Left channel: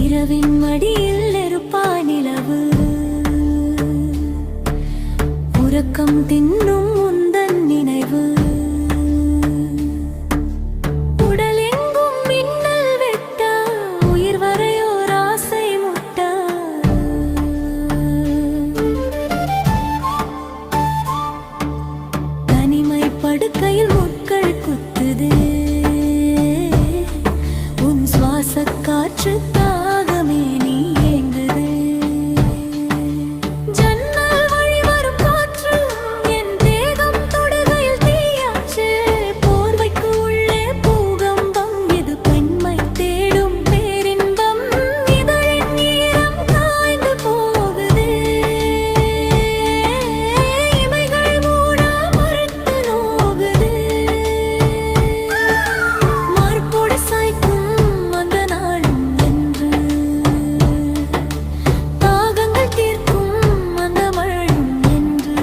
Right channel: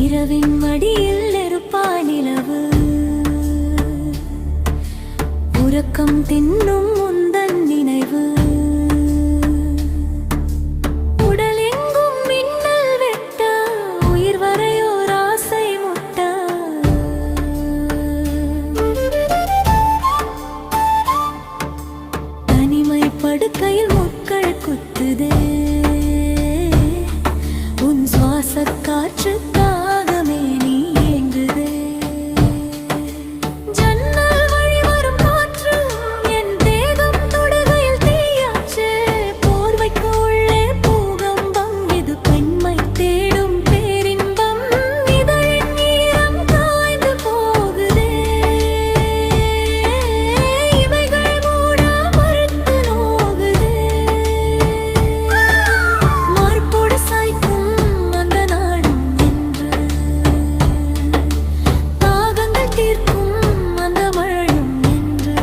இரவின் மடியில் நெருப்பாய் நிலவு உறக்கம் தின்னும் உந்தன் நினைவு உடல் எங்கும் மின்னல் வெட்ட உயிர் வரையோர் ஆசை முட்ட தனிமை படுக்கையில் முட்கள் குத்துதே உன் சுவாச காற்று தாகமே நீ ஏங்குதே ஜன்னல் வழி வரும் காற்று என் தேகம் தொடுகையில் தீயாச்சு போர்வைக்கு உள்ளே பூகம்பம் இது பெண்மை தேடும் பேரின்பம் இதழின் ஈரம் காய்ந்து போகுதே இமைகள் மூட மறுத்து நோகுதே மார்போடு சாய்க்கும் தீர்க்கும் அந்த மழையும் என்று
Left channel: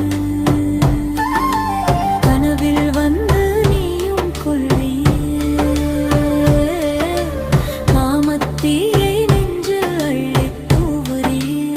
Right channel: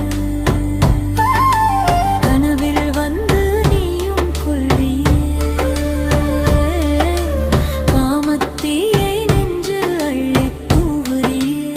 கனவில் வந்து நீயும் கொள்றியே காமத்தீயை நெஞ்சில் அள்ளித் தூவுறியே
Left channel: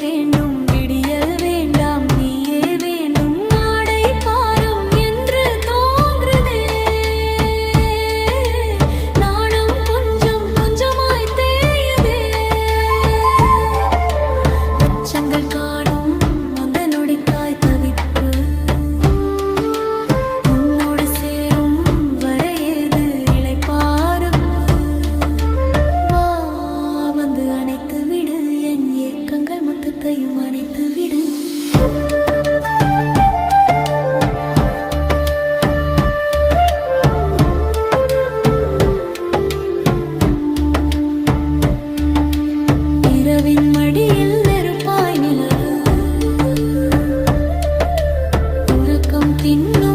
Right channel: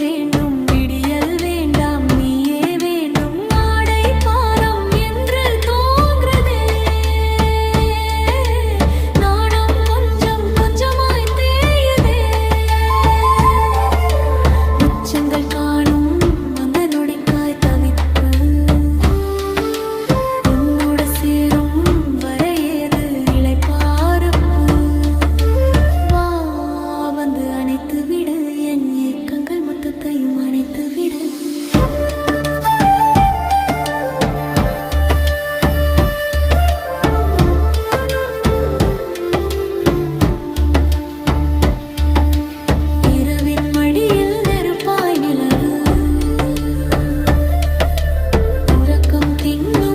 வேண்டும் விடியல் வேண்டாம் நீயே வேண்டும் ஆடை பாரம் என்று தோன்றுதே நாணம் கொஞ்சம் கொஞ்சமாய் தேயுதே உச்சங்கள் காணும் அந்த நொடிக்காய் தவிப்பு உன்னோடு சேரும் வரை ஏது இளைப்பாறுப்பு வா வந்து அணைத்து விடு என் ஏக்கங்கள் மொத்தத்தையும் அணைத்து விடு இரவின் மடியில் நெருப்பாய் நிலவு உறக்கம் தின்னும்